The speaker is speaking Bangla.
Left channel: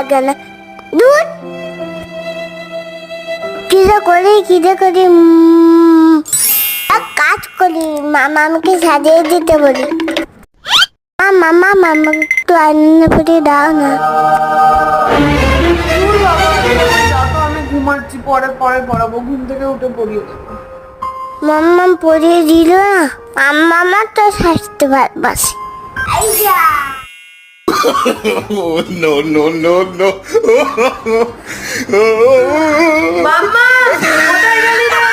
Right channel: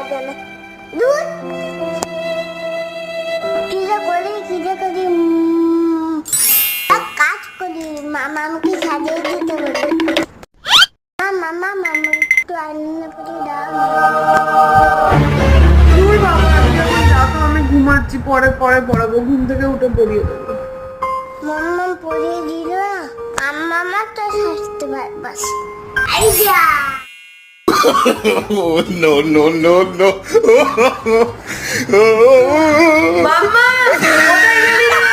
লাগে না। দুধ কিরে করি এক কাজ করি, মামাকে সাজিয়ে দিতে বলি। মামা একটু আনন্দ করে দাও না। তুই বাবা যা তো, আমি ঘুমাচ্ছি, পরে পড়াবো, ঘুম থেকে উঠে পড়িয়ে দেবো। মাম্মা পরিয়ে দিল না, মামা তো স্বাস্থ্য ভালোবাসে। Oh, no, no, no, no. মাম্মা কোথায় গেলি রে?